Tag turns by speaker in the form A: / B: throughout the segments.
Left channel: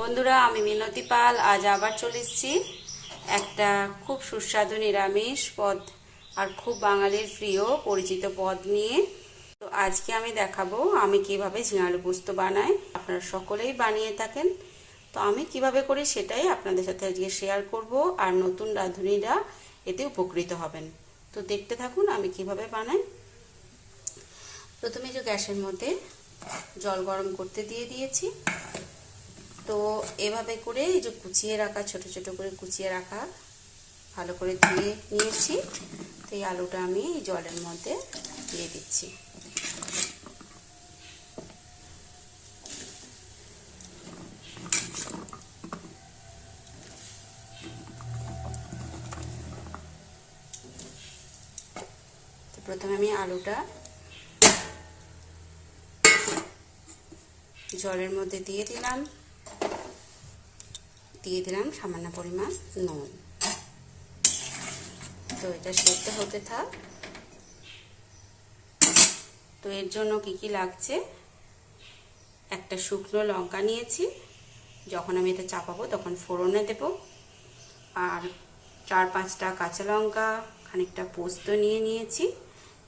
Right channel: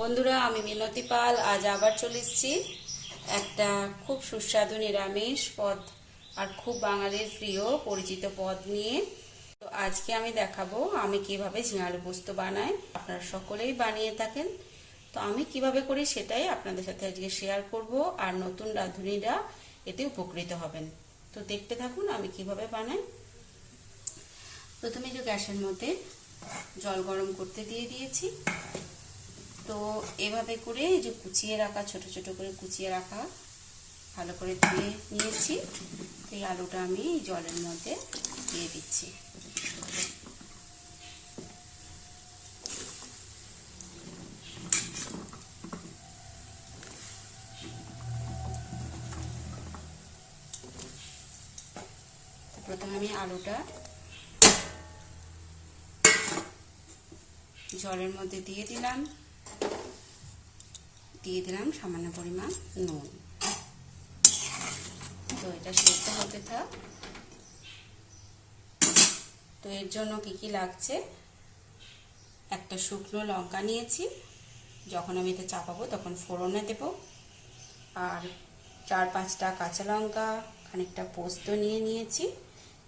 A: বন্ধুরা, আমি মিনতি পাল, আজ আবার চলে এসেছি একটা খুব সুস্বাদু নিরামিষ পদ আর খুব বাঙালির প্রিয় পরিচিত পদ নিয়ে। তো আজকে আমি দেখাবো আমি কীভাবে ঝিঙালু পোস্ত বানাই। আপনারা সকলেই বানিয়ে থাকেন। তো আমি কীভাবে করি সেটাই আপনাদের সাথে আজকে শেয়ার করব। আর নতুন রাঁধুনিরা এতে উপকৃত হবেন। তো দেখতে থাকুন আমি কীভাবে বানাই। প্রথমে যে গ্যাসের মধ্যে জল গরম করতে দিয়ে দিয়েছি। তো এভাবে করে এই যে কুচিয়ে রাখা, ছোট ছোট করে কুচিয়ে রাখা, ভালো করে ধুয়ে নিয়েছি। তো এই আলুটা আমি এই জলের মধ্যে দিয়ে দিচ্ছি। প্রথমে আমি আলুটা জলের মধ্যে দিয়ে দিলাম। দিয়ে দিলাম সামান্য পরিমাণ নুন। তো এটা সেদ্ধ হতে থাক। তো এর জন্য কি কি লাগছে? একটা শুকনো লঙ্কা নিয়েছি। যখন আমি এটা চাপাবো তখন ফোড়নে দেব। আর চার পাঁচটা কাঁচা লঙ্কা, খানিকটা পোস্ত নিয়ে নিয়েছি।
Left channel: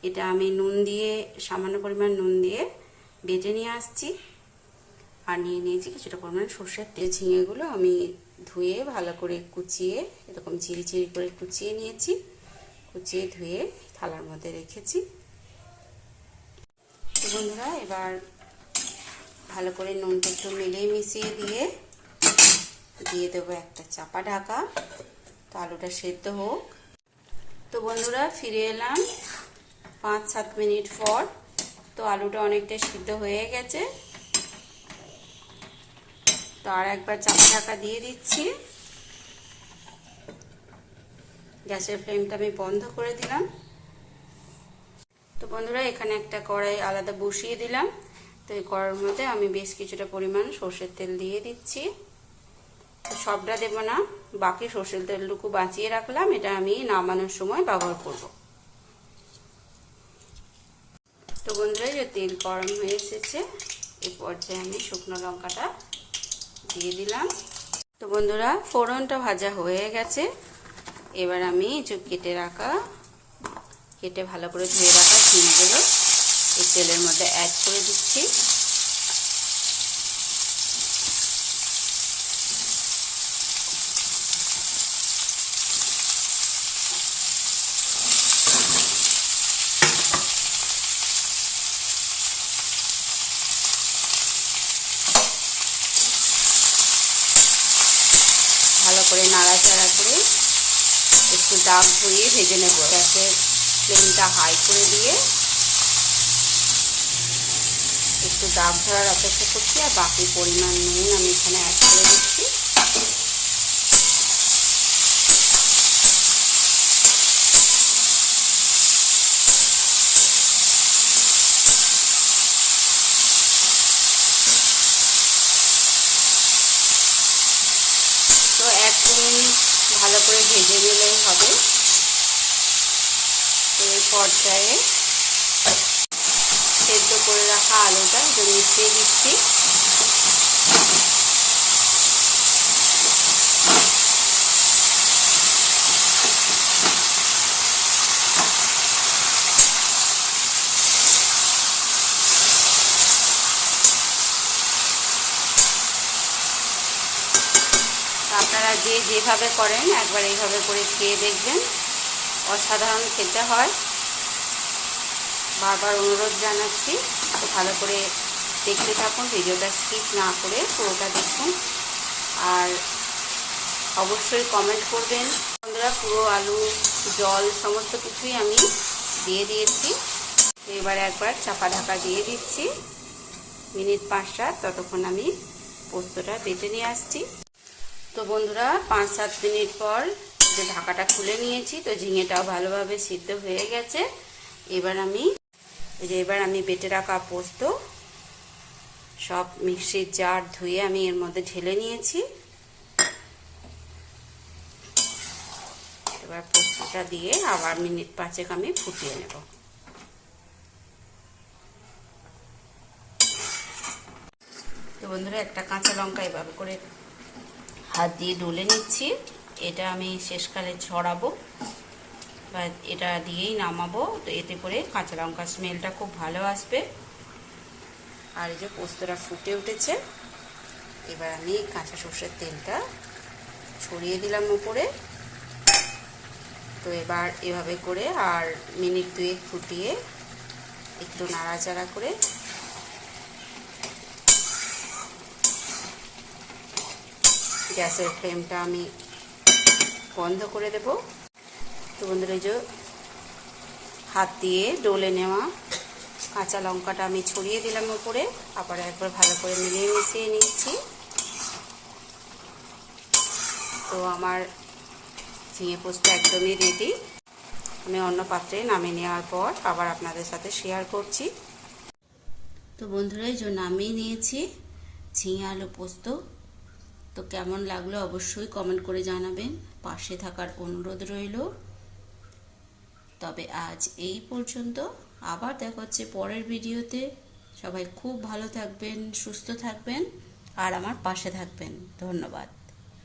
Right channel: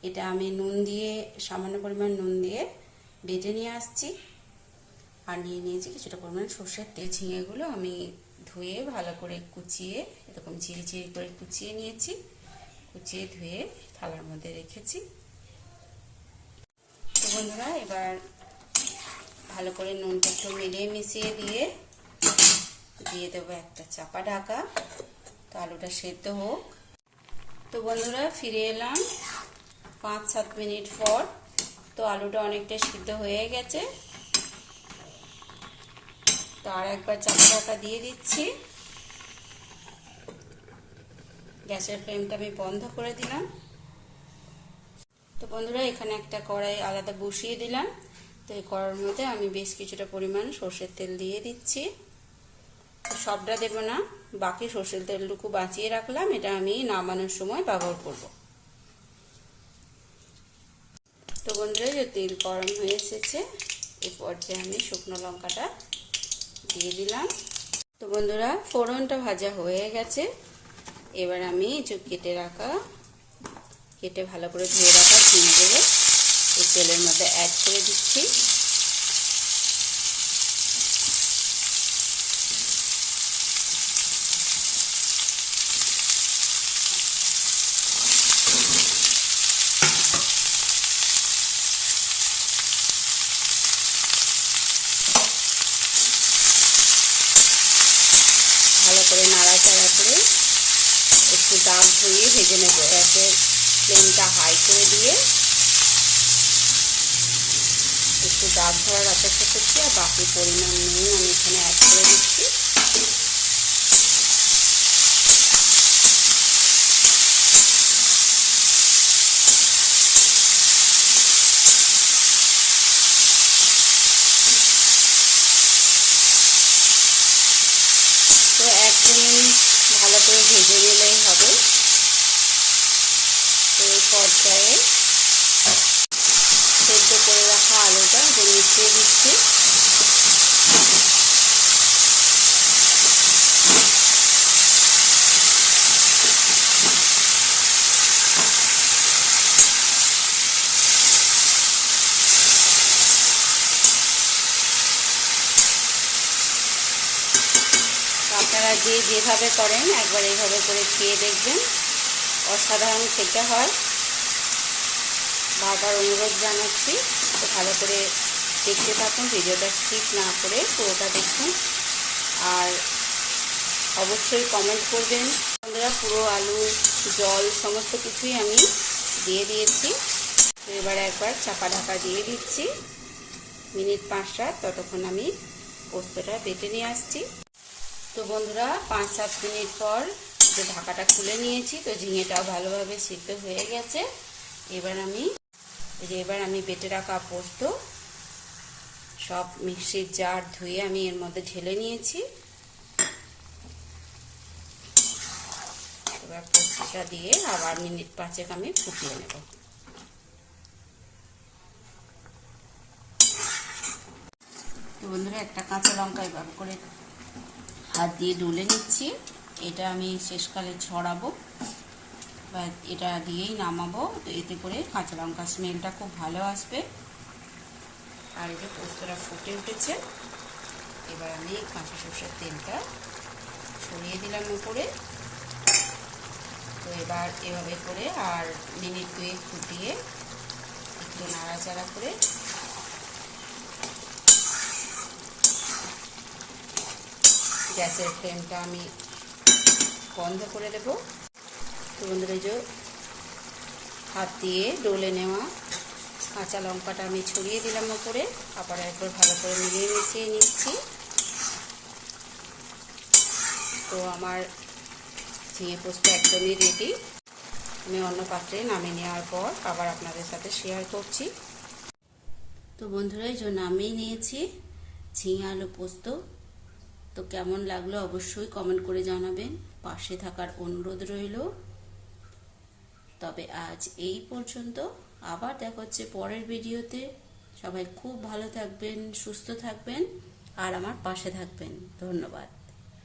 A: এটা আমি নুন দিয়ে, সামান্য পরিমাণ নুন দিয়ে বেজে নিয়ে আসছি। আর নিয়ে নিয়েছি কিছুটা পরিমাণ সর্ষের তেল ঝিঙেগুলো আমি ধুয়ে ভালো করে কুচিয়ে, এরকম ঝিরিঝিরি করে কুচিয়ে নিয়েছি। কুচিয়ে ধুয়ে থালার মধ্যে রেখেছি। তো বন্ধুরা, এবার ভালো করে নুনটা একটু মিলিয়ে মিশিয়ে দিয়ে দিয়ে দেবো একটা চাপা ঢাকা। তো আলুটা সেদ্ধ হোক। তো বন্ধুরা, ফিরে এলাম পাঁচ সাত মিনিট পর। তো আলুটা অনেকটা সিদ্ধ হয়ে গেছে। তো আর একবার চাপা ঢাকা দিয়ে দিচ্ছি। গ্যাসের ফ্লেমটা আমি বন্ধ করে দিলাম। তো বন্ধুরা, এখানে একটা কড়াই আলাদা বসিয়ে দিলাম। তো এই কড়ার মধ্যে আমি বেশ কিছুটা পরিমাণ সর্ষের তেল দিয়ে দিচ্ছি। সবটা দেব না, বাকি সর্ষের তেলটুকু বাঁচিয়ে রাখলাম। এটা আমি নামানোর সময় ব্যবহার করব। তো বন্ধুরা যে তেল গরম হয়ে এসেছে এই পর্যায়ে আমি শুকনো লঙ্কাটা দিয়ে দিলাম। তো বন্ধুরা, ফোড়নটা ভাজা হয়ে গেছে। এবার আমি চুপ কেটে রাখা, কেটে ভালো করে ধুয়ে রাখা ঝিমগুলো এই তেলের মধ্যে অ্যাড করে দিচ্ছি। ভালো করে নাড়াচাড়া করে একটু দাগ ধরিয়ে ভেজে নেব। গ্যাসের ফ্লেমটা হাই করে দিয়ে একটু দাগ ধরার অপেক্ষা করছি আর বাকি পরিমাণ নুন আমি এখানে অ্যাড করে দিচ্ছি। তো একদম ভালো করে ভেজে নিলেই হবে। এই পর্যায়ে সেদ্ধ করে রাখা আলুটা যে মিশিয়ে দিচ্ছি। আপনারা যে যেভাবে করেন, একবার এইভাবে করে খেয়ে দেখবেন। অসাধারণ খেতে হয়। বারবার অনুরোধ জানাচ্ছি ভালো করে দেখতে থাকুন, ভিডিওটা স্কিপ না করে পুরোটা দেখুন। আর অবশ্যই কমেন্ট করবেন। বন্ধুরা, পুরো আলু, জল, সমস্ত কিছুই আমি দিয়ে দিয়েছি। এবার একবার চাপা ঢাকা দিয়ে দিচ্ছি। মিনিট পাঁচ সাত ততক্ষণ আমি পোস্তটা বেটে নিয়ে আসছি। তো বন্ধুরা, পাঁচ সাত মিনিট পর যে ঢাকাটা খুলে নিয়েছি, তো ঝিঙেটাও ভালোভাবে সিদ্ধ হয়ে গেছে। এবার আমি যে এবার আমি বেটে রাখা পোস্ত, সব মিক্সির জার ধুয়ে আমি এর মধ্যে ঢেলে নিয়েছি। এবার পোস্তটা দিয়ে আবার মিনিট পাঁচেক আমি ফুটিয়ে নেব। তো বন্ধুরা, একটা কাঁচা লঙ্কা এভাবে করে হাত দিয়ে ডলে নিচ্ছি। এটা আমি শেষকালে ছড়াবো বা এটা দিয়েই নামাবো। তো এতে করে কাঁচা লঙ্কার স্মেলটা খুব ভালো আসবে। আর এই যে পোস্তটা ফুটে উঠেছে, এবার আমি কাঁচা সর্ষের তেলটা ছড়িয়ে দিলাম উপরে। তো এবার এভাবে করে আর মিনিট দুয়েক ফুটিয়ে একটু নাড়াচাড়া করে গ্যাসের ফ্লেমটা আমি বন্ধ করে দেব। তো বন্ধুরা এই যে হাত দিয়ে ডলে নেওয়া কাঁচা লঙ্কাটা আমি ছড়িয়ে দিলাম উপরে আবার একবার ভালো করে মিলিয়ে মিশিয়ে নিচ্ছি। তো আমার ঝিঙে পোস্ত একদমই রেডি আমি অন্য পাত্রে নামিয়ে নেওয়ার পর আবার আপনাদের সাথে শেয়ার করছি। তো বন্ধুরা এই যে নামিয়ে নিয়েছি ঝিঙে আলু পোস্ত। তো কেমন লাগল অবশ্যই কমেন্ট করে জানাবেন। পাশে থাকার অনুরোধ রইল। তবে আজ এই পর্যন্ত। আবার দেখা হচ্ছে পরের ভিডিওতে। সবাই খুব ভালো থাকবেন, সুস্থ থাকবেন, আর আমার পাশে থাকবেন। ধন্যবাদ।